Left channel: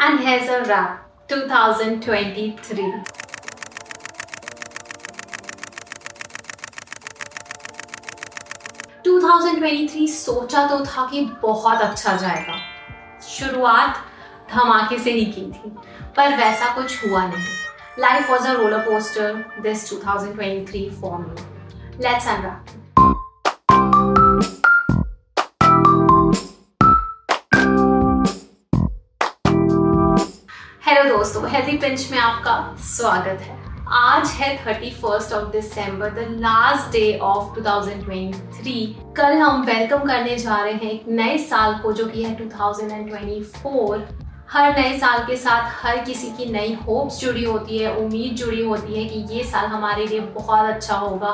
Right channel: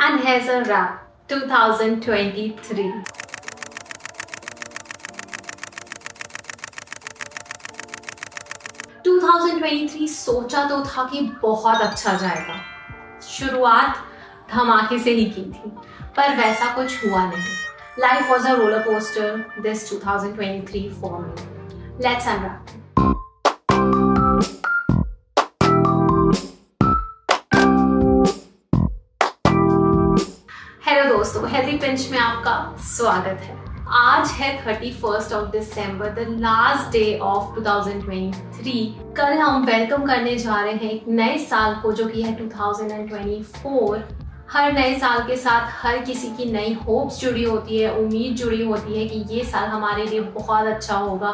And here's a wrap, 2023. सोचा तो था कि बहुत अच्छा जाएगा, शुरुआत धमाके से ही की थी, पर वैसा कुछ हुआ नहीं. Life was a roller coaster this 2023 for me. Let's unwrap. Hello दोस्तों, हेल्दी पिंच में आपका स्वागत है. आज है 31st of December, the last day of 2023. कल हम वेलकम करने जा रहे हैं एक नए साल को, जो कि है 2024. हर नए साल के साथ हर किसी की नई होप्स जुड़ी होती है, उम्मीद जुड़ी होती है कि ये साल हमारे लिए बहुत अच्छा होगा.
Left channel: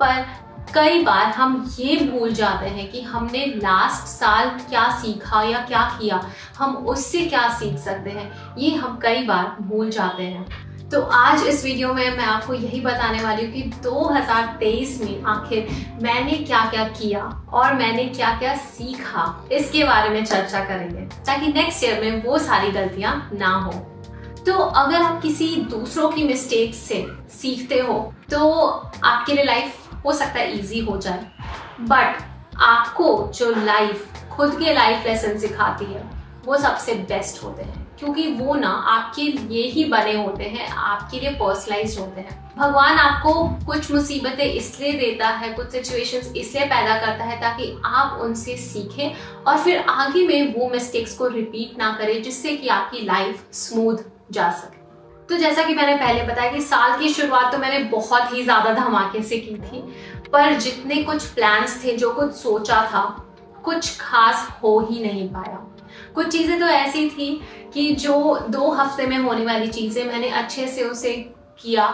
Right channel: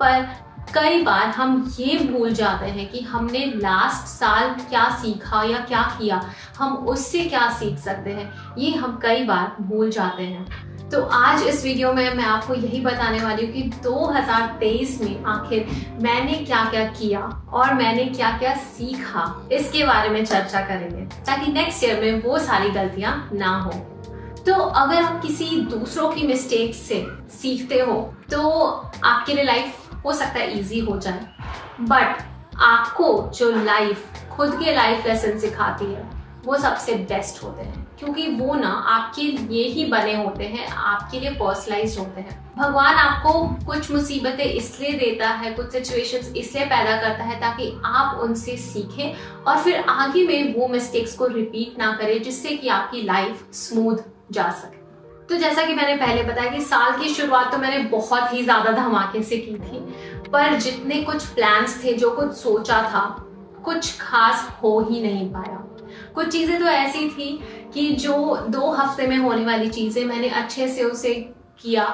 पर कई बार हम ये भूल जाते हैं कि हमने लास्ट साल क्या सीखा या क्या किया, हम उससे क्या सीख सकते हैं, ये हम कई बार भूल जाते हैं. तो आज इस वीडियो में मैं आपको यही बताने वाली हूँ कि 2023 में आखिर मैंने क्या क्या किया और मैंने क्या क्या सीखा, इसके बारे में चर्चा करेंगे ताकि नेक्स्ट ईयर में वो सारी गलतियां ना हो. तो अगर आप किसी दूसरों की मिस्टेक से सीखते हो तो आपके लिए लाइफ हो सकता है इजी हो जाए, बट आपको जो लाइफ खुद के लाइफ लेसन सिखाती है वो सबसे बेस्ट होते हैं, क्योंकि वो ना आपके लिए ही बने होते हैं, आपके लिए पर्सनलाइज्ड होते हैं. भगवान आपको कुछ मुसीबतें इसलिए देता है, कुछ सिचुएशंस इसलिए पैदा करता है ताकि आप उनसे सीखें और फिर आगे में वो मिस्टेक्स को रिपीट ना करें, जिससे कि आपकी लाइफ स्मूथ जा सके. तो जैसा कि मैंने पहले बताया कि साल की शुरुआत तो मैंने बहुत ही ज्यादा धमाके से की थी, पर जितने कुछ प्लान्स थे, जो कुछ सोचा था, कुछ खास हो ही नहीं पाया. कुछ चीजें तो ऐसी थी कि जो 2 हफ्ते में होने वाली चीजें मैंने अच्छे से उसे किया,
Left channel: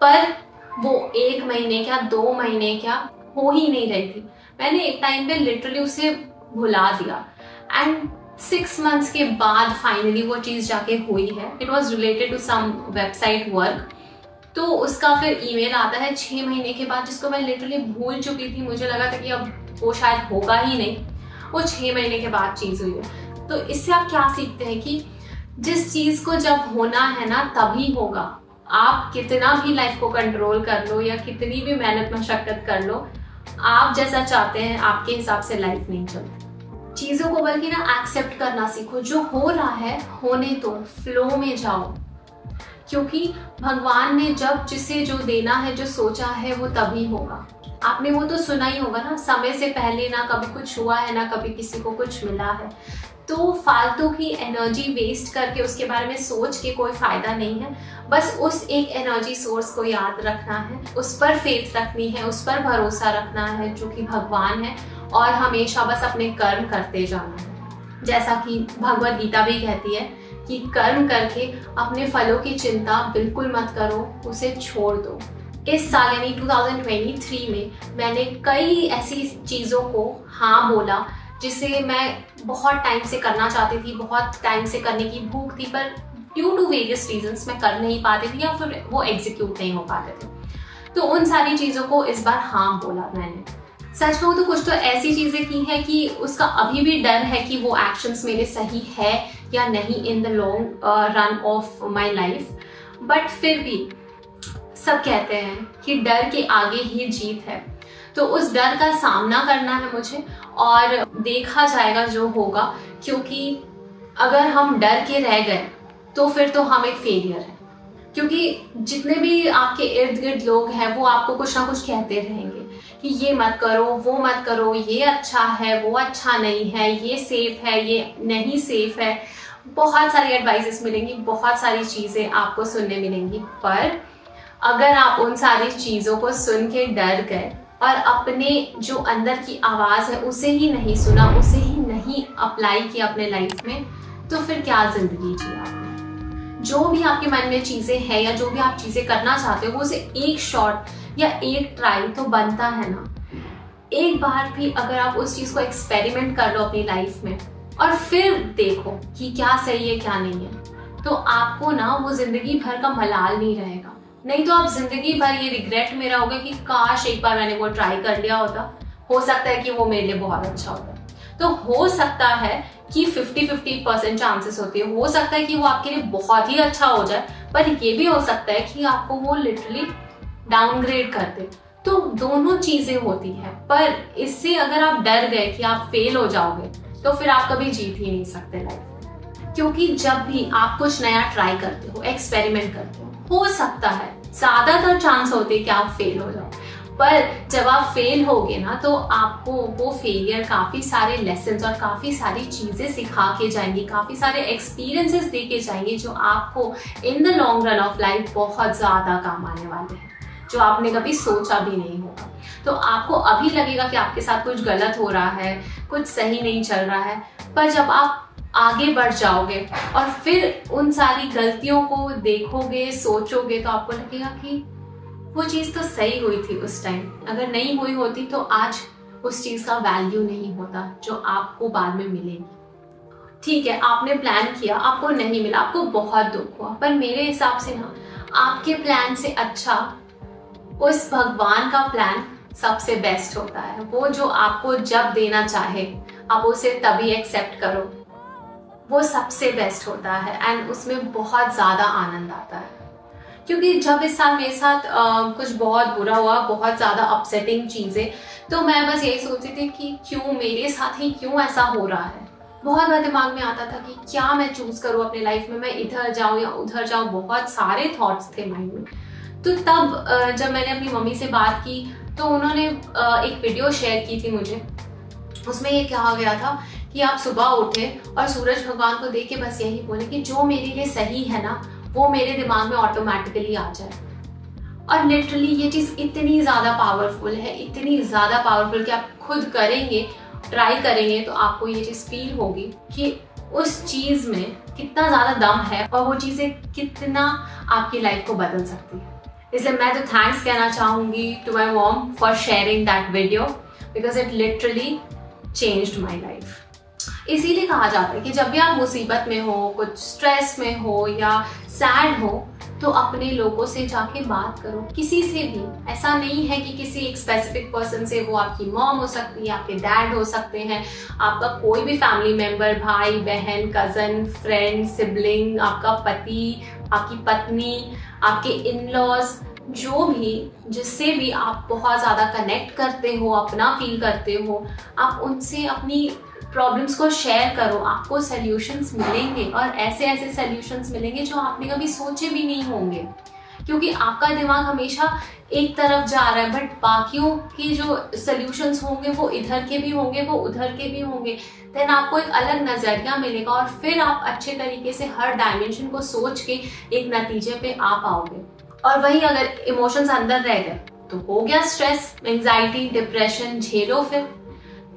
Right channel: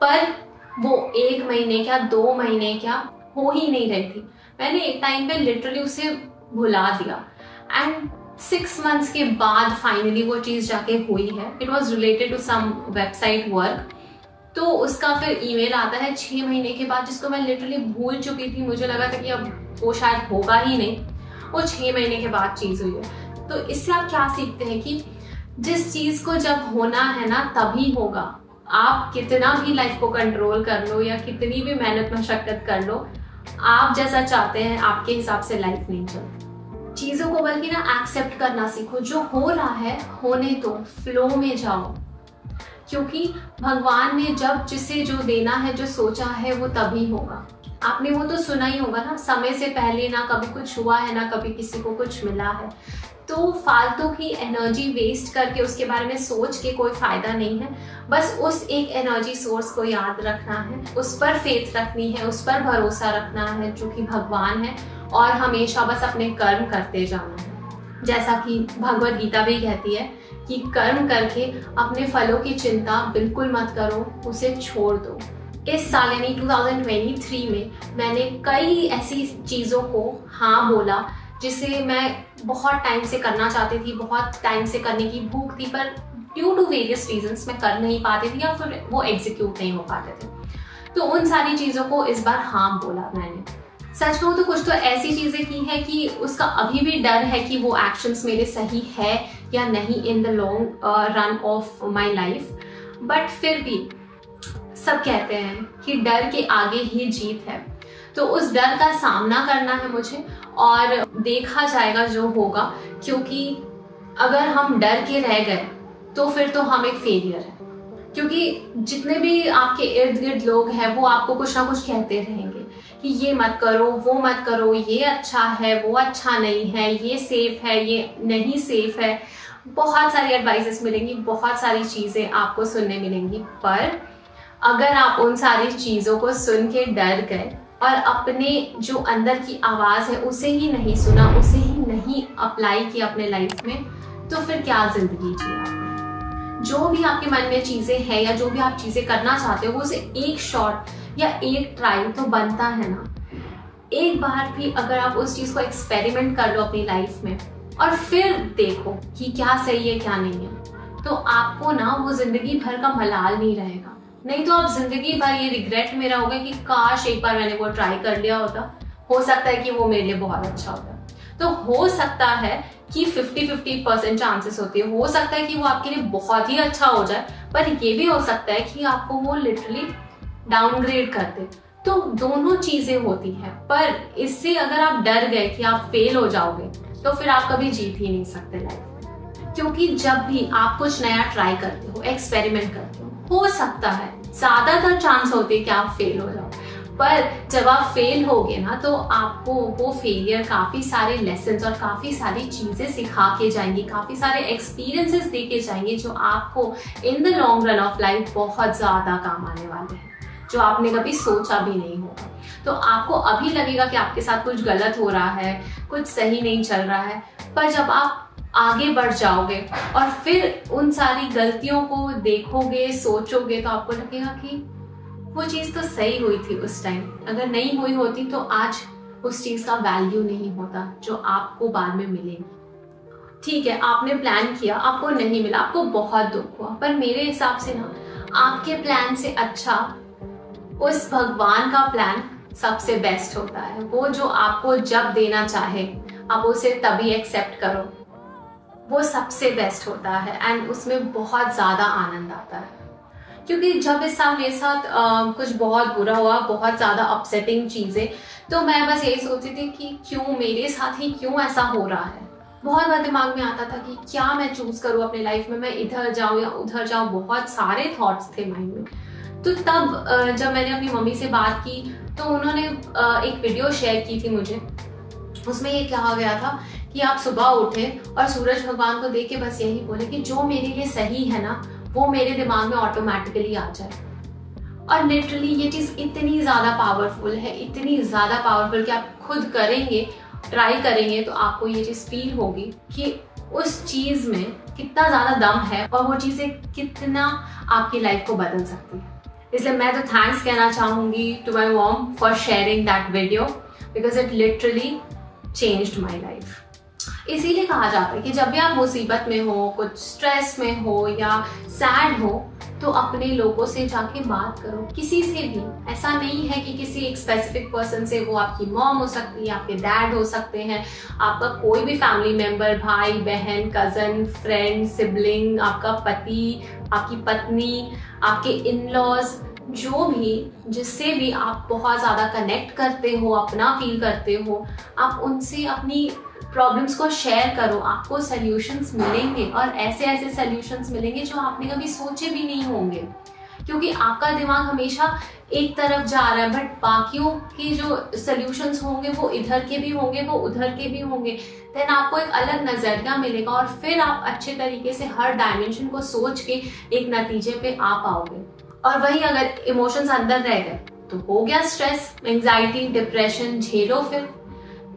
पर वो 1 महीने क्या 2 महीने क्या हो ही नहीं रही थी. मैंने एक टाइम पे लिटरली उसे भुला दिया एंड 6 months के बाद फाइनली वो चीज जाके हुई है. It was related to some website work. तो उसका फिर ईमेल आता है 6 महीने के बाद, जिसको मैं लिटरली भूल चुकी थी. मुझे लगा था कि अब वो शायद होगा ही नहीं. वो 6 महीने के बाद चीज हुई है. तो इससे आप क्या सीखते हैं कि जिस चीज को जब होना है ना तभी होगा. आप कितना भी लाइफ को कंट्रोल कर लो या कितनी भी मेहनत मशक्कत कर लो, आप जैसा चाहते हैं आपके हिसाब से लाइफ नहीं चलती. चीजों को बल्कि ना एक्सेप्ट करना सीखो. जो हो रहा है होने दो, फ्लो में जाओ, क्योंकि भगवान ने जब जिसे जो देना है, जो सोचा है, वो तभी होगा. आपने वो तो सुना ही होगा ना, समय से पहले ना कभी कुछ हुआ है, ना कभी किसी को कुछ मिला है. तो फालतू की एनर्जी वेस्ट करके उसके बारे में सोच के कोई फायदा नहीं है. बस उस एक एनर्जी सोर्स को याद रखना है, उस पर फेथ रखनी है, उस पर भरोसा रखना है जो कि भगवान है, और हमेशा बस अपने कर्म करते जाना है. जैसा कि भगवत गीता भी कहती है कि कर्म करके अपने फलों की चिंता बिल्कुल मत करो, उसे छोड़ दो. इस साल यानी 2023 में मैंने कई ऐसी चीजों को हाँ बोला जिसे मैं बहुत टाइम से करना चाहती थी, बहुत टाइम से करने की भूख थी, पर ड्यू टू वेरियस रीजंस मैं कर नहीं पाती थी या फिर वो एग्जीक्यूट नहीं हो पाते थे. तो उन सारी चीजों को इस बार हाँ बोला मैंने. सच कहूं तो कुछ तो ऐसी चीजें की है कि उसका अभी भी डर है कि वो एक्शंस मेरे सही है या नहीं in the long run of my life. But फिर भी सब कहते हैं कि डर के आगे ही जीत है. तो उस डर का सामना करना है मुझे, और देखा जाएगा जो होगा, क्योंकि अगर हम डर के रह गए तो फिर तो हम एक फेलियर है. क्योंकि जितने भी आपके इर्द गिर्द लोग हैं वो आपको कुछ ना कुछ कहते रहेंगे कि ये मत करो, वो मत करो, ये अच्छा है, वो अच्छा नहीं है, ये सेफ है, ये नहीं सेफ है. बहुत सारी एडवाइसेस मिलेंगी, बहुत सारी चीजें आपको सुनने मिलेंगी. पर अगर आप उन सारी चीजों को सुन के डर गए और अपने जो अंदर की आवाज है उसे ही नहीं सुना, उसे ही नहीं अप्लाई किया अपने लाइफ में, तो फिर क्या जिंदगी जी आपने. जो भी आपके मन में चीजें हैं या जो भी आप चीजें करना चाहते हो, उसे एक शॉट या एक ट्राई तो बनता है ना. एक बार भी अगर आप उस चीज को एक्सपेरिमेंट कर लो अपनी लाइफ में और फिर देखो कि क्या सही है क्या नहीं है, तो आपको ना वो जिंदगी भर का मलाल नहीं रहेगा. नहीं तो आप जिंदगी भर ये रिग्रेट में रहोगे कि काश एक बार मैंने वो ट्राई कर लिया होता, हो सकता है कि वो मेरे लिए बहुत अच्छा होता. तो हो सकता है कि 50-50% चांसेस होती है। हो सकता है कि वो आपके लिए बहुत ही अच्छा हो जाए, पर ये भी हो सकता है कि आपको वो लिटरली डाउनग्रेड कर दे। तो दोनों चीजें होती है, पर इससे अगर आप डर गए कि आप फेल हो जाओगे तो फिर आप कभी जीत ही नहीं सकते लाइफ। क्योंकि जब भी आप कुछ नया ट्राई करते हो, एक्सपेरिमेंट करते हो सकता है, ज्यादातर चांस होते हैं कि आप फेल हो जाओ, पर जब आप फेल होगे ना तो आपको वो फेलियर काफी सारे लेसन्स और काफी सारी चीजें सिखा के जाएंगी, काफी सारे एक्सपीरियंसेस दे के जाएंगे जो आपको in the long run of life बहुत ज्यादा काम आने वाले हैं, जो आपने कभी सोचा भी नहीं होगा। तो आपको अभी लगेगा कि आपके साथ कुछ गलत हो रहा है, कुछ सही नहीं चल रहा है, पर जब आप आगे बढ़ जाओगे और फिर उन सारी गलतियों को देखोगे, सोचोगे, तो आपको लगेगा कि वो चीज तो सही हुई थी उस टाइम, अगर नहीं हुई होती तो आज उस चीज का वैल्यू नहीं होता जो आपको बाद में मिलेगी। ठीक है, आपने प्लान किया, आपको नहीं मिला, आपको बहुत दुख हुआ, पर मेरे हिसाब से ना आपके प्लान से अच्छा उस भगवान का प्लान सबसे बेस्ट होता है। वो जो आपको जब देना चाहे आप उसे तभी एक्सेप्ट करो, वो सबसे बेस्ट होता है एंड उसमें बहुत ज्यादा आनंद आता है। क्योंकि जब इस साल मेरे साथ कुछ बहुत बुरा हुआ, बहुत ज्यादा अपसेटिंग चीजें, तो मैं बस यही सोचती थी कि क्यों मेरे साथ ही क्यों ऐसा हो रहा है। बहुत बार दिमाग में आता था कि क्या मैं चूज करूं अपने लाइफ में, मैं इधर जाऊं या उधर जाऊं, बहुत सारे थॉट्स थे माइंड में। तो तब जब मैंने अपनी मम्मी से बात की तो उन्होंने एक वीडियो शेयर की थी मुझे, उसमें ये कहा गया था कि आप सुबह उठे और सूरज भगवान को देख के बस यही बोले कि जो मेरे लिए सही है ना वो मेरे दिमाग में ऑटोमेटिकली आ जाए। और लिटरली ये चीज इतनी ज्यादा पावरफुल है, इतनी ज्यादा पावरफुल कि आप खुद करेंगे, ट्राई करेंगे तो आपको ये चीज फील होगी कि उस चीज में कितना ज्यादा दम है और वो चीजें कितना आपकी लाइफ को बदल सकती है। इसलिए मैं तो थैंक्स कहना चाहूंगी to my mom for sharing that video, because it literally changed my life. इसीलिए कहा जाता है कि जब भी आप मुसीबत में हो, कुछ स्ट्रेस में हो या सैड हो, तो अपने लोगों से जाके बात करो, किसी से भी। ऐसा नहीं है कि किसी एक स्पेसिफिक पर्सन से, वो आपकी मॉम हो सकती है, आपके डैड हो सकते हैं, आपका कोई भी फैमिली मेंबर, भाई बहन, कजन, फ्रेंड, सिबलिंग, आपका पति, आपकी पत्नी, आपके इन लॉज, जो भी, जिससे भी आप बहुत ज्यादा कनेक्ट करते हो, अपना फील करते हो, आप उनसे अपनी प्रॉब्लम्स को शेयर करो, आपको सॉल्यूशंस मिलेंगे और ऐसे ऐसे सॉल्यूशंस मिलेंगे जो आपने कभी सोचे भी नहीं होंगे। क्योंकि आपका दिमाग हमेशा एक तरफ जा रहा है, बट बाकियों की जो सॉल्यूशंस होंगे वो इधर के भी होंगे, वो उधर के भी होंगे। देन आपको एक अलग नजरिया मिलेगा और फिर आप अच्छे तरीके से हर डायमेंशन को सोच के एक नतीजे पे आ पाओगे। और वही अगर इमोशंस अंदर रह गए तो हो गया स्ट्रेस, एंजाइटी, डिप्रेशन, झेलो फिर।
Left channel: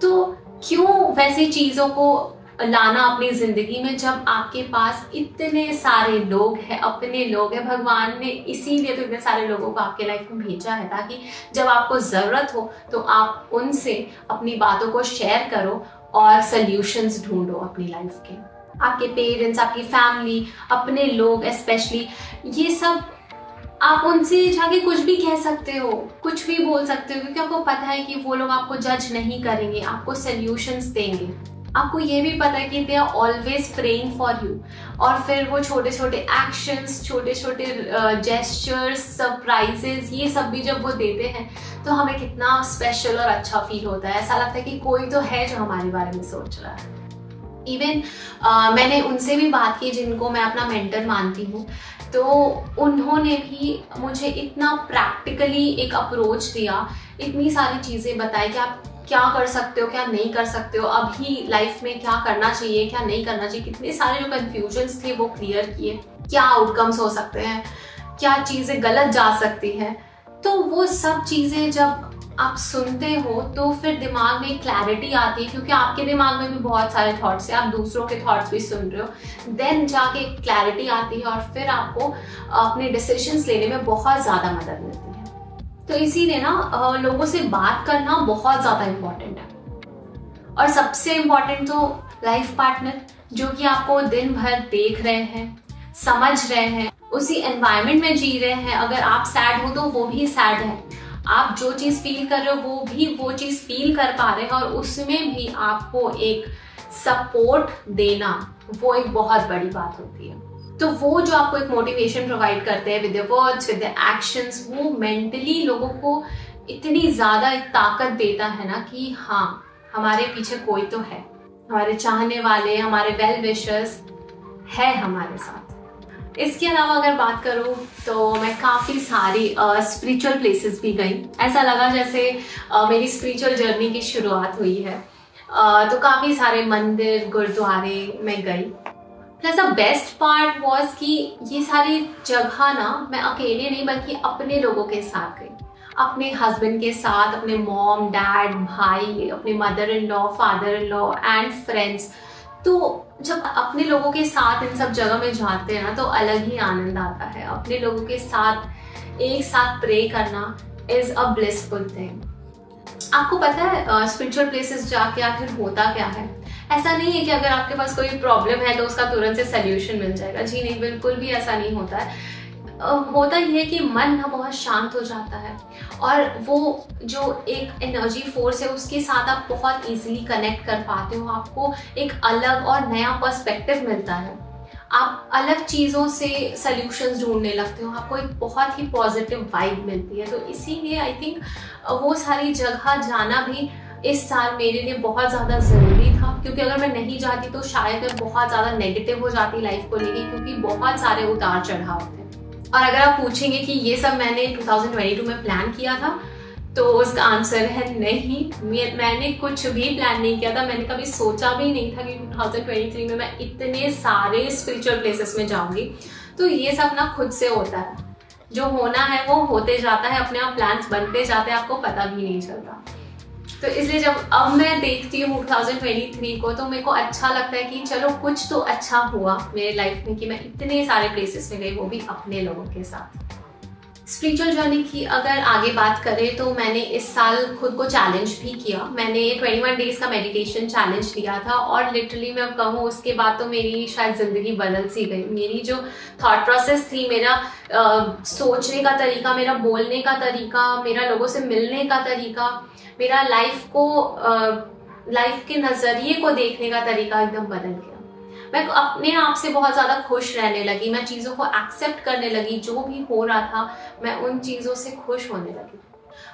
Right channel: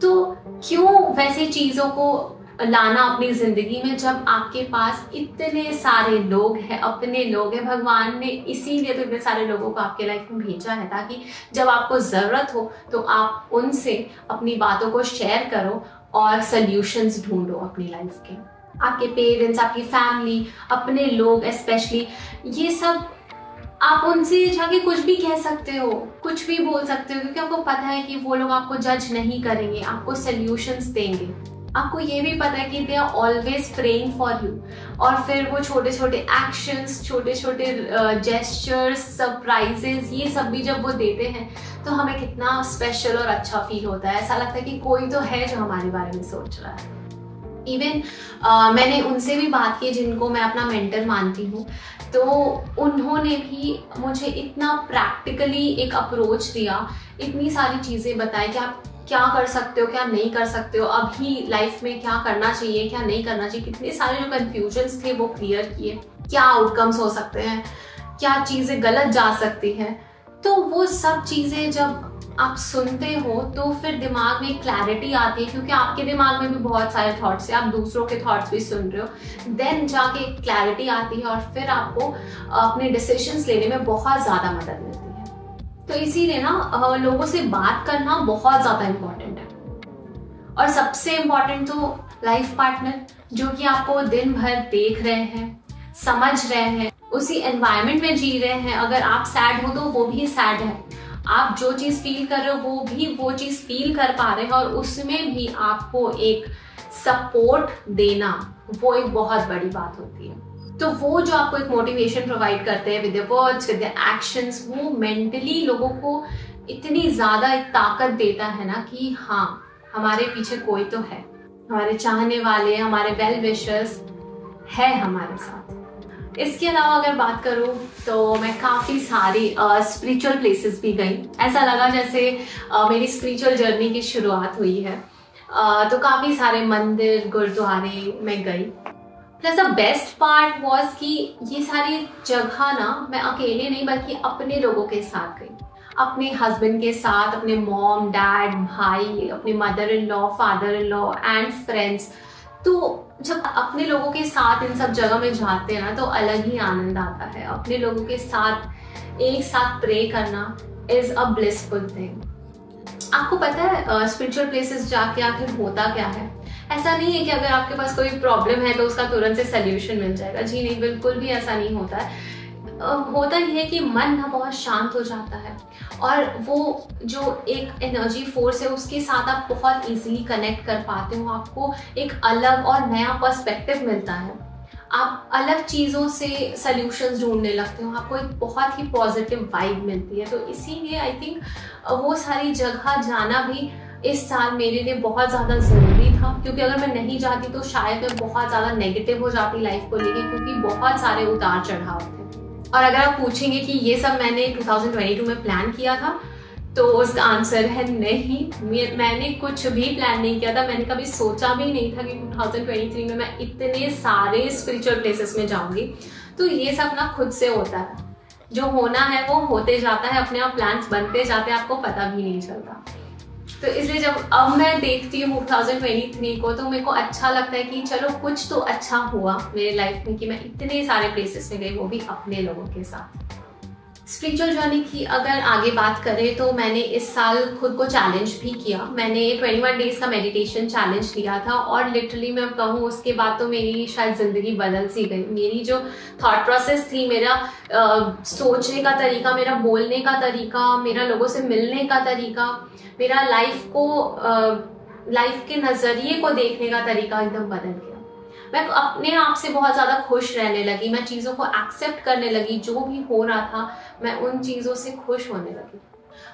तो क्यों वैसी चीजों को लाना अपनी जिंदगी में जब आपके पास इतने सारे लोग हैं, अपने लोग हैं। भगवान ने इसीलिए तो इतने सारे लोगों को आपके लाइफ में भेजा है, ताकि जब आपको जरूरत हो तो आप उनसे अपनी बातों को शेयर करो और सॉल्यूशंस ढूंढो अपनी लाइफ के। आपके पेरेंट्स, आपकी फैमिली, अपने लोग स्पेशली, ये सब आप उनसे जाके कुछ भी कह सकते हो, कुछ भी बोल सकते हो, क्योंकि आपको पता है कि वो लोग आपको जज नहीं करेंगे, आपको सॉल्यूशंस देंगे। आपको ये भी पता है कि they are always praying for you. और फिर वो छोटे छोटे एक्शंस, छोटे छोटे जेस्चर्स, सरप्राइजेस, ये सब भी जब वो देते हैं तो हमें कितना स्पेशल और अच्छा फील होता है। ऐसा लगता है कि कोई तो है जो हमारे बारे में सोच रहा है। इवन मैंने उनसे भी बात की जिनको मैं अपना मेंटर मानती हूँ, तो उन्होंने भी मुझे इतना प्रैक्टिकली एक अप्रोच दिया, इतनी सारी चीजें बताई कि आप क्या कर सकते हो, क्या नहीं कर सकते हो, अभी लाइफ में क्या करना चाहिए, क्या नहीं करना चाहिए। कितने सारे जो कंफ्यूजन्स थे वो क्लियर किए, क्या आउटकम्स हो सकते हैं, क्या चीजें गलत जा सकती हैं। तो वो सब चीजें जब आप सुनते हो तो फिर दिमाग में क्लैरिटी आती है, क्योंकि आपके दिमाग में भी बहुत सारे थॉट्स हैं, आप दूसरों के थॉट्स भी सुन रहे हो। देन जाके क्लैरिटी आती है और फिर आपको अपने डिसीजंस लेने में बहुत ज्यादा मदद मिलती है। तो इसीलिए ना लोगों से बात करना बहुत ज्यादा इम्पोर्टेंट है। और सबसे इम्पोर्टेंट तो लाइफ पार्टनर, जो कि आपको दिन भर देख रहे हैं, समझ रहे हैं, उसी एनवायरमेंट में जी रहे हैं। अगर आप सैड हो तो वो भी सैड है, आप जो चीज फील कर रहे हो वो भी वो चीज फील कर पा रहे हैं, और उसमें भी आपको एक सपोर्ट देना वो एक बहुत बड़ी बात होती है। तो वो जो आपको एक मोटिवेशन प्रोवाइड करते हैं with the words, with the actions, वो मेंटली लोगों को इतनी ज्यादा एक ताकत देता है ना कि हाँ, हमारे पीछे कोई तो है, हमारे चाहने वाले, हमारे वेल विशर्स है हमारे साथ। इसके अलावा अगर बात करूं तो मैं काफी सारी स्पिरिचुअल प्लेसेस भी गई। ऐसा लगा जैसे मेरी स्पिरिचुअल जर्नी की शुरुआत हुई है। तो काफी सारे मंदिर, गुरुद्वारे मैं गई। Plus the best part was कि ये सारी जगह ना मैं अकेले नहीं बल्कि अपने लोगों के साथ गई, अपने हस्बैंड के साथ, अपने मॉम, डैड, भाई, अपने mother in law, father in law and friends. तो जब अपने लोगों के साथ इन सब जगह में जाते हैं ना तो अलग ही आनंद आता है। अपने लोगों के साथ एक साथ प्रे करना इज अ ब्लिसफुल थिंग। आपको पता है स्पिरिचुअल प्लेसेस जाके आखिर होता क्या है? ऐसा नहीं है कि अगर आपके पास कोई प्रॉब्लम है तो उसका तुरंत से सल्यूशन मिल जाएगा। जी नहीं, बिल्कुल भी ऐसा नहीं होता है। होता ही है कि मन ना बहुत शांत हो जाता है और वो जो एक एनर्जी फोर्स है उसके साथ आप बहुत इजीली कनेक्ट कर पाते हो। आपको एक अलग और नया पर्सपेक्टिव मिलता है, आप अलग चीजों से सल्यूशंस ढूंढने लगते हो, आपको एक बहुत ही पॉजिटिव वाइब मिलती है। तो इसीलिए आई थिंक वो सारी जगह जाना भी इस साल मेरे लिए बहुत ज्यादा जरूरी था, क्योंकि अगर मैं नहीं जाती तो शायद मैं बहुत ज्यादा नेगेटिव हो जाती लाइफ को लेके, क्योंकि बहुत सारे उतार चढ़ाव थे। और अगर आप पूछेंगे कि ये सब मैंने 2022 में प्लान किया था तो उसका आंसर है नहीं। मैंने कुछ भी प्लान नहीं किया था। मैंने कभी सोचा भी नहीं था कि 2023 में मैं इतने सारे स्पिरिचुअल प्लेसेस में जाऊंगी। तो ये सब ना खुद से होता है, जो होना है वो होते जाता है, अपने आप प्लान्स बनते जाते हैं, आपको पता भी नहीं चलता। तो इसलिए जब अब मैं देखती हूँ 2023 को तो मेरे को अच्छा लगता है कि चलो कुछ तो अच्छा हुआ मेरे लाइफ में कि मैं इतने सारे प्लेसेस में गई, वो भी अपने लोगों के साथ। स्पिरिचुअल जर्नी की अगर आगे बात करें तो मैंने इस साल खुद को चैलेंज भी किया। मैंने 21 डेज का मेडिटेशन चैलेंज लिया था और लिटरली मैं कहूँ उसके बाद तो मेरी शायद जिंदगी बदल सी गई। मेरी जो थॉट प्रोसेस थी, मेरा सोचने का तरीका, मेरा बोलने का तरीका, मेरा लोगों से मिलने का तरीका, मेरा लाइफ के नजरिए को देखने का तरीका एकदम बदल गया। मैं अपने आप से बहुत ज्यादा खुश रहने लगी, मैं चीजों को एक्सेप्ट करने लगी, जो भी हो रहा था मैं उन चीजों से खुश होने लगी।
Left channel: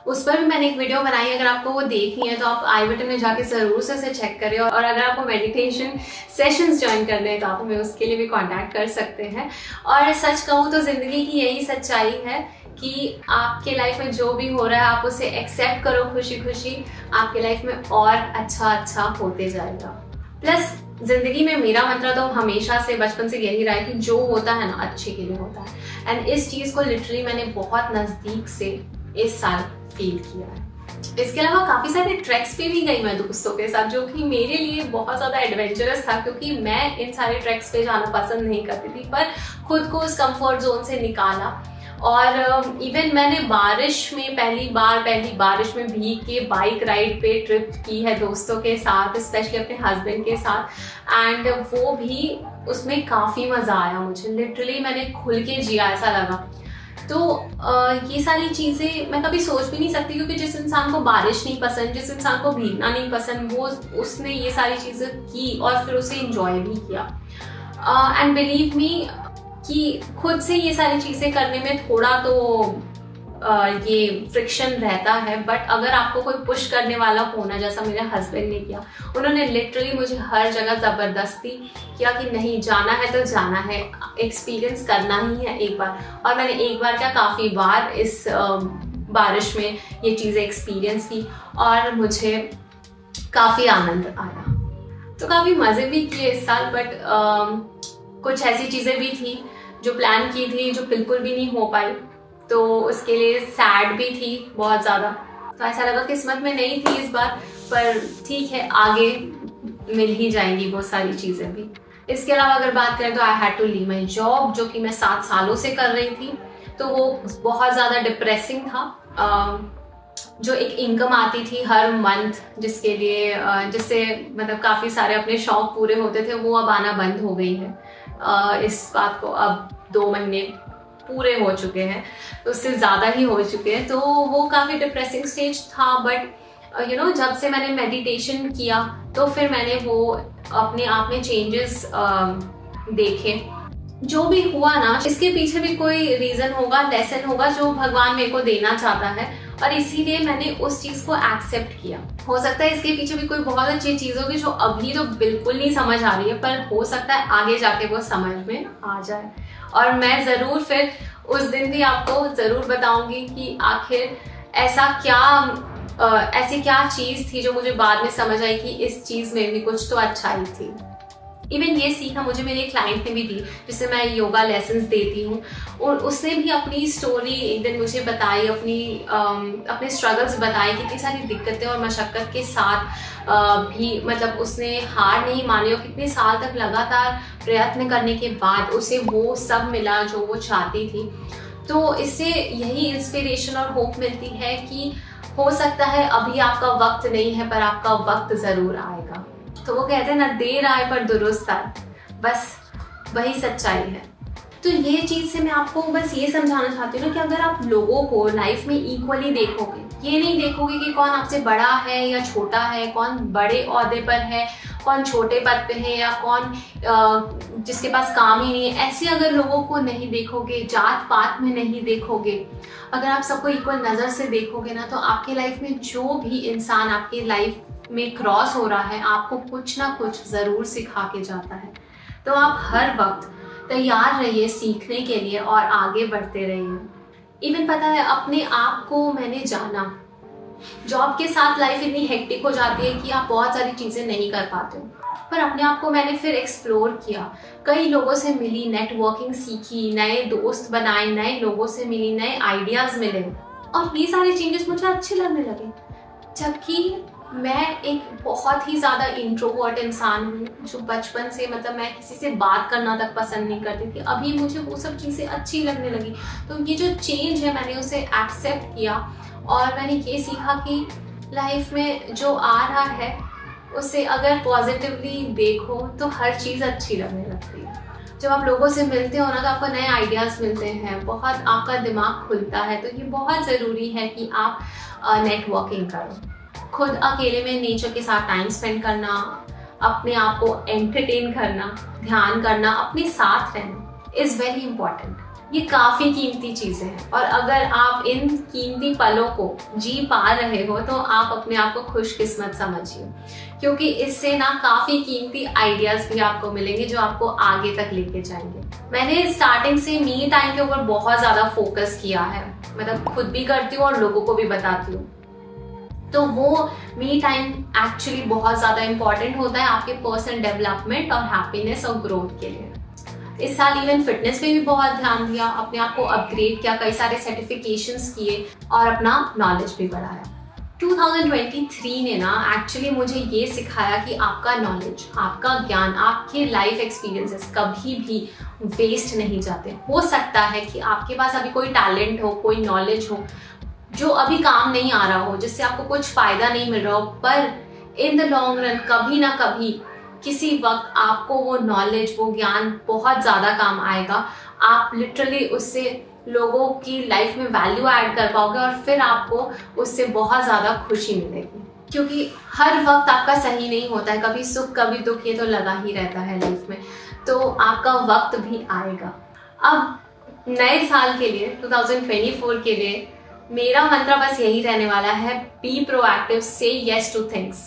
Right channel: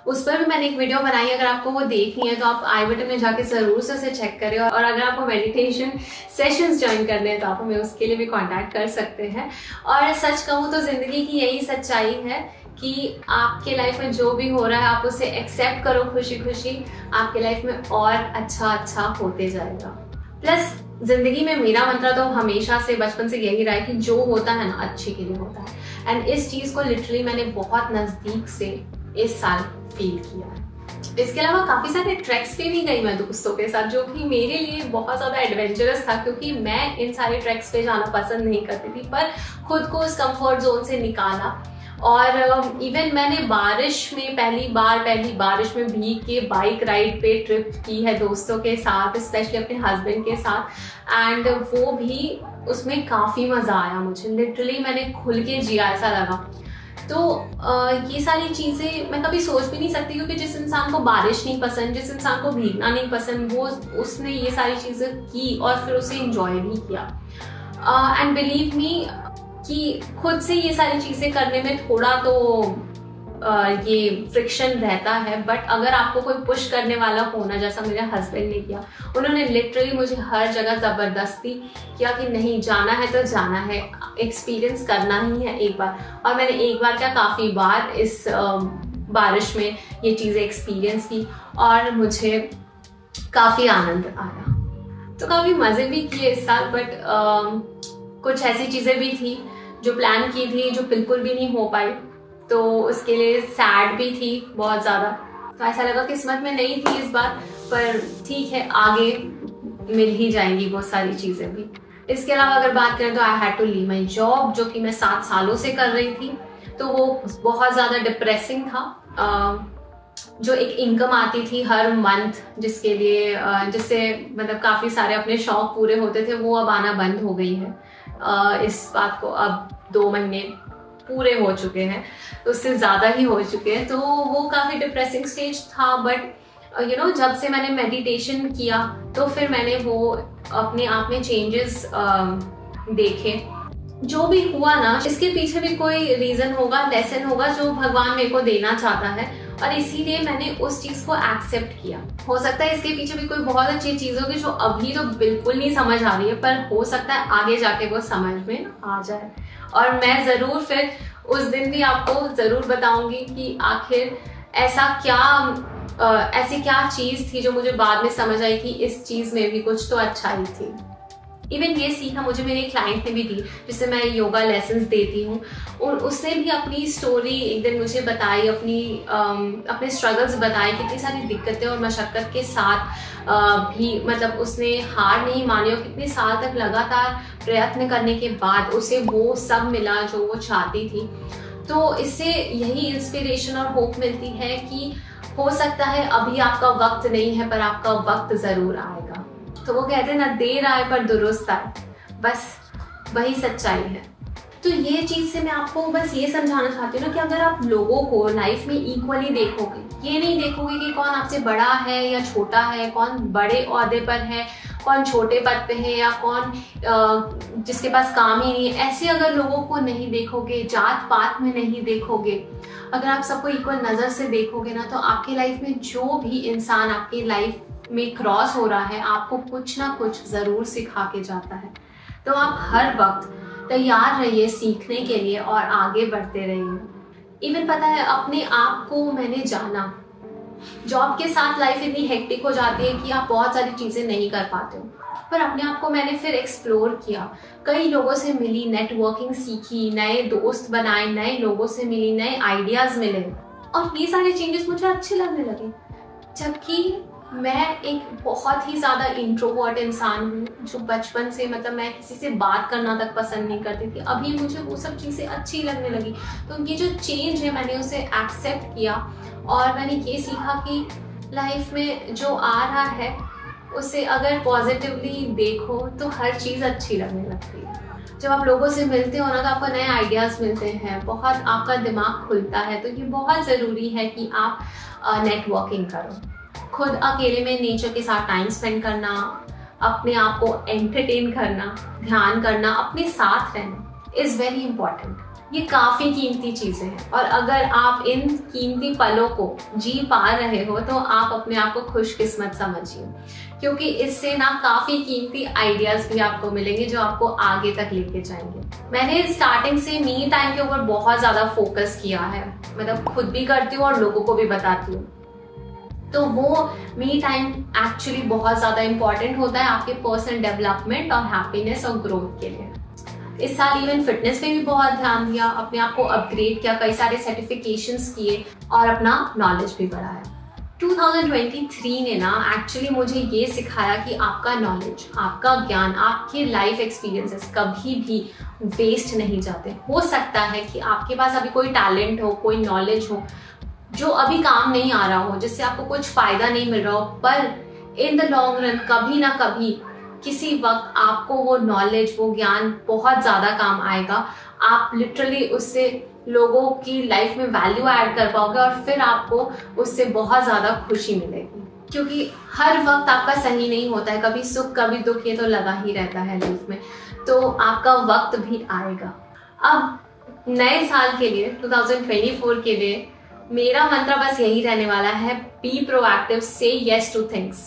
उस पर भी मैंने एक वीडियो बनाई, अगर आपको वो देखनी है तो आप आई बटन में जाके जरूर से उसे चेक करें। और अगर आपको मेडिटेशन सेशंस ज्वाइन करने हैं तो आप हमें उसके लिए भी कांटेक्ट कर सकते हैं। और सच कहूँ तो जिंदगी की यही सच्चाई है कि आपके लाइफ में जो भी हो रहा है आप उसे एक्सेप्ट करो खुशी खुशी, आपके लाइफ में और अच्छा होते जाएगा। प्लस जिंदगी में मेरा मंत्र तो हमेशा से बचपन से यही रहा है कि जो होता है ना अच्छे के लिए होता है। एंड इस चीज को लिटरली मैंने बहुत नजदीक से इस साल फील किया है। इसके अलावा काफी सारे ट्रैक्स पे भी गई मैं दोस्तों के साथ, जो कि मेरे लिए बहुत ज्यादा एडवेंचरस था, क्योंकि मैं इन सारे ट्रैक्स पे जाना पसंद नहीं करती थी, पर खुद को उस कंफर्ट जोन से निकाला। और इवन मैंने बारिश में पहली बारिश में भीग के बाइक राइड पे ट्रिप की है दोस्तों के साथ, स्पेशली अपने हस्बैंड के साथ। एंड वो भी उसमें काफी मजा आया मुझे, लिटरली मैंने खुल के जिया, ऐसा लगा। तो ये सारी चीजें मैं कभी सोच भी नहीं सकती, क्योंकि जिस इंसान को बारिश नहीं पसंद, जिस इंसान को भीगना नहीं पसंद, वो उसने ये सारी चीजें की और फिर उसे एंजॉय भी किया। एंड बिलीव मी कि खुद से ये सारी चीजें करने में थोड़ा तो ये फ्रिक्शन रहता है, बट अगर आपको कोई पुश करने वाला होना, जैसा मेरे हस्बैंड ने किया, उन्होंने लिटरली मुझे हर जगह जबरदस्ती किया कि नहीं जाना है तो जाना है, एक्सपीरियंस करना ही है एक बार। और मैंने एक बार क्या काफी बार इस बारिश में ये चीजें एक्सपीरियंस की और मुझे काफी आनंद आया। तो काफी मजे भी किए इस साल, बट कुछ ऐसी चीजें भी थी जो प्लान की थी जो बिल्कुल भी नहीं हो पाई, तो उसके लिए सैड भी थी बहुत ज्यादा। तो ऐसा लगा किस्मत में नहीं थी इस बार, पर ठीक है, आगे मिल ही जाएंगी वो सारी चीजें भी। इसके अलावा अगर बात करें तो I had to leave my job, जो कि मैं 7 सालों से कर रही थी। तो वो बहुत ज्यादा डिप्रेसिंग था। जो एक इनकम आती थी हर मंथ, जिससे मतलब काफी सारे अपने शौक पूरे होते थे, वो अब आना बंद हो गई है। इस बात को अब 2 महीने पूरे हो चुके हैं, तो उससे ज्यादा ही हो चुके हैं। तो वो काफी डिप्रेसिंग स्टेज था, बट जब से मैंने मेडिटेशन किया तो फिर मैंने वो अपने आप में चेंजेस देखे। जो भी हुआ ना, इसके पीछे भी कोई रीजन होगा, लेसन होगा जो भगवान मेरे को देना चाहता है, और इसीलिए मैंने उस चीज को एक्सेप्ट किया। हो सकता है इसके पीछे भी कोई बहुत अच्छी चीज होगी जो अभी तो बिल्कुल नहीं समझ आ रही है, पर हो सकता है आगे जाके वो समझ में आ जाए। और मैं जरूर फिर उस दिन भी आपको जरूर बताऊंगी कि आखिर ऐसी क्या चीज थी जो मुझे बाद में समझ आई कि इस चीज में भी कुछ तो अच्छाई थी। इवन ये सीखा मुझे मेरे क्लाइंट ने भी दी, जिससे मैं योगा लेसन्स देती हूँ, और उसने भी अपनी स्टोरी एक दिन मुझे बताई, अपने स्ट्रगल्स बताए, कितनी सारी दिक्कतें और मशक्कत के साथ भी मतलब उसने हार नहीं मानी, और कितने साल तक लगातार प्रयत्न करने के बाद उसे वो सब मिला जो वो चाहती थी। तो इससे यही इंस्पिरेशन और होप मिलती है कि हो सकता है अभी आपका वक्त नहीं है, पर आपका वक्त जरूर आएगा। तो वो कहते हैं ना, देर आए पर दुरुस्त आए, बस वही सच्चाई है। तो ये चीज से मैं आपको बस ये समझाना चाहती हूँ ना कि अगर आप लोगों को लाइफ में इक्वली देखोगे, ये नहीं देखोगे कि कौन आपसे बड़ा है या छोटा है, कौन बड़े ओहदे पर है, कौन छोटे पद पे है, या कौन जिसके पास काम ही नहीं है, ऐसे अगर लोगों को नहीं देखोगे, जात पात में नहीं देखोगे, अगर आप सबको इक्वल नजर से देखोगे ना, तो आपके लाइफ में जो भी इंसान आपकी लाइफ में क्रॉस हो रहा है आपको कुछ ना कुछ जरूर सिखा के जाता है। तो आप हर वक्त तैयार रहिए सीखने के लिए और आगे बढ़ते रहिए। इवन पता है, अपने आप को मैंने जाना, जॉब के साथ लाइफ इतनी हेक्टिक हो जाती है कि आप बहुत सारी चीजें नहीं कर पाते हो, पर अपने आप को मैंने फिर एक्सप्लोर किया, कई लोगों से मिली, नेटवर्किंग सीखी, नए दोस्त बनाए, नए लोगों से मिली, नए आइडियाज मिले, और ये सारे चेंजेस मुझे अच्छे लगने लगे। जबकि मैं एक बहुत ही ज्यादा इंट्रोवर्ट इंसान हूँ, जो बचपन से मतलब मैं किसी से बात करना तक पसंद नहीं करती थी, अभी मुझे वो सब चीजें अच्छी लगने लगी। तो ये जो चेंज है मैंने उसे एक्सेप्ट किया, और मैंने ये सीखा कि लाइफ में जो आ रहा है उसे अगर पॉजिटिवली देखो तो हर चीज अच्छी लगने लगती है। जब आप लोगों से मिलते हो ना, तो आपको नए आइडियाज मिलते हैं, बहुत आपका दिमाग खुलता है। तो ये बहुत जरूरी है कि आप नेटवर्किंग करो, खुद अकेले में नेचर के साथ टाइम स्पेंड करना, अपने आप को एंटरटेन करना, ध्यान करना, अपने साथ रहना इज वेरी इंपॉर्टेंट। ये काफी कीमती चीजें हैं, और अगर आप इन कीमती पलों को जी पा रहे हो तो आप अपने आप को खुशकिस्मत समझिए, क्योंकि इससे ना काफी कीमती आइडियाज भी आपको मिलेंगे जो आपको आगे तक लेके जाएंगे। मैंने स्टार्टिंग से मी टाइम के ऊपर बहुत ज्यादा फोकस किया है, मतलब खुद भी करती हूँ और लोगों को भी बताती हूँ। तो वो मी टाइम एक्चुअली बहुत ज्यादा इंपॉर्टेंट होता है आपके पर्सनल डेवलपमेंट और हैप्पीनेस और ग्रोथ के लिए। इस साल इवन फिटनेस पे भी बहुत ध्यान दिया, अपने आप को अपग्रेड किया, कई सारे सर्टिफिकेशंस किए और अपना नॉलेज भी बढ़ाया। 2023 ने ना एक्चुअली मुझे ये सिखाया कि आपका नॉलेज, आपका ज्ञान, आपके लाइफ एक्सपीरियंसेस कभी भी वेस्ट नहीं जाते। हो सकता है कि आपके पास अभी कोई टैलेंट हो, कोई नॉलेज हो जो अभी काम नहीं आ रहा हो, जिससे आपको कुछ फायदा नहीं मिल रहा हो, पर इन द लॉन्ग रन कभी ना कभी किसी वक्त आपको वो नॉलेज, वो ज्ञान बहुत ज्यादा काम आएगा। आप लिटरली उससे लोगों की लाइफ में वैल्यू ऐड कर पाओगे, और फिर आपको उससे बहुत ज्यादा खुशी मिलेगी, क्योंकि हर वक्त आपका सही नहीं होता है, कभी सुख कभी दुख, ये तो लगा ही रहता है लाइफ में। तो आपका वक्त भी आएगा। अब नए साल के लिए, 2024 के लिए मेरा मंत्र बस यही रहने वाला है, बी प्रोएक्टिव, से यस टू थिंग्स,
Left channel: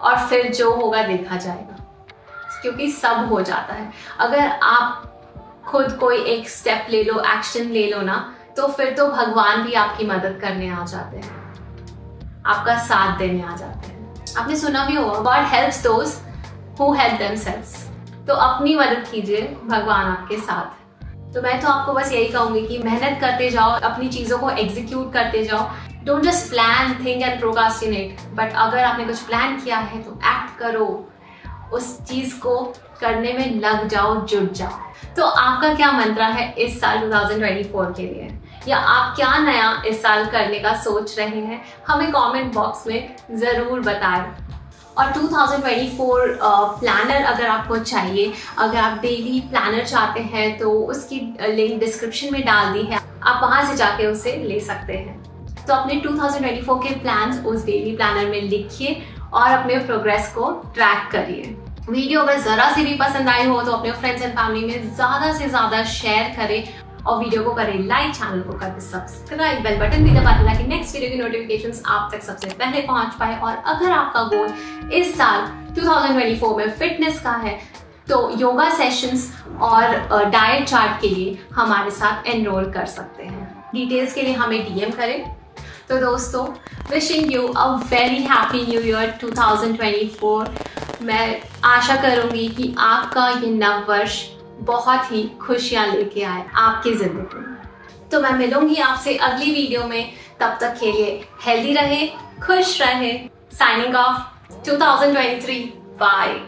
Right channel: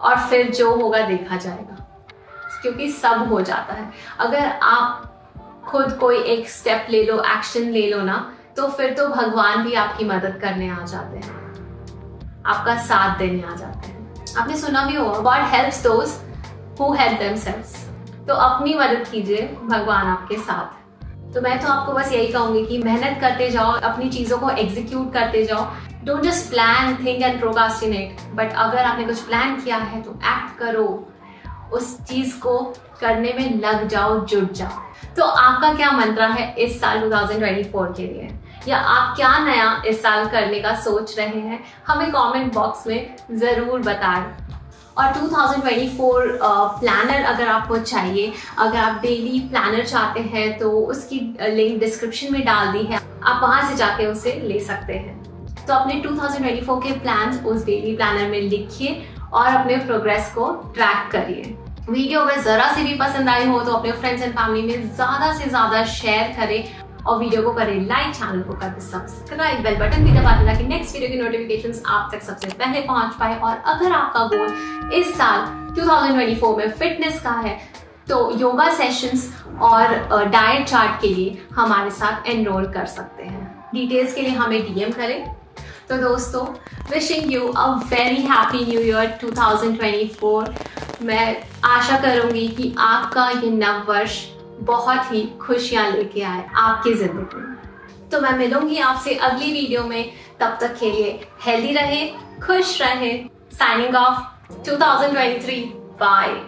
और फिर जो होगा देखा जाएगा, क्योंकि सब हो जाता है। अगर आप खुद कोई एक स्टेप ले लो, एक्शन ले लो ना, तो फिर तो भगवान भी आपकी मदद करने आ जाते हैं, आपका साथ देने आ जाते हैं। आपने सुना भी होगा, God helps those who help themselves. तो अपनी मदद कीजिए, भगवान आपके साथ। तो मैं तो आपको बस यही कहूंगी कि मेहनत करते जाओ, अपनी चीजों को एग्जीक्यूट करते जाओ। Don't just plan, think and procrastinate, but अगर आपने कुछ प्लान किया है तो एक्ट करो, उस चीज को करने में लग जाओ, जुट जाओ। तो आपका क्या मंत्र है इस साल 2024 के लिए, या आप क्या नया इस साल करने का सोच रहे हैं, हमें कमेंट बॉक्स में जरूर बताएं। और 2024 प्लानर अगर आपको चाहिए, अगर आप डेली प्लानर चाहते हैं, तो उसकी लिंक डिस्क्रिप्शन में डाल दी है, आप वहां से जाके उसे ले सकते हैं। तो अपने 2024 के प्लान्स उस डेली प्लानर में लिखिए और अपने प्रोग्रेस को ट्रैक करिए। वीडियो अगर जरा सी भी पसंद आई हो तो अपने फ्रेंड्स एंड फैमिली में ज्यादा से ज्यादा शेयर करें और वीडियो को करें लाइक, चैनल को करें सब्सक्राइब, बेल बटन भी दबा दें ताकि नेक्स्ट वीडियो की नोटिफिकेशंस आप तक सबसे पहले पहुंच पाए। और अगर आपका गोल इस साल 2024 में फिटनेस का है तो योगा सेशंस और डाइट चार्ट के लिए हमारे साथ एनरोल कर सकते हैं। डिटेल्स के लिए हमें डीएम करें। तो दोस्तों, wishing you a very happy new year 2024। मैं आशा करूंगी कि आपका ये नव वर्ष बहुत ही खुशियां लेके आए आपकी जिंदगी में। तो मैं मिलूंगी आपसे अगली वीडियो में, तब तक के लिए हेल्दी रहे, खुश रहे। Signing off 2023। बाय।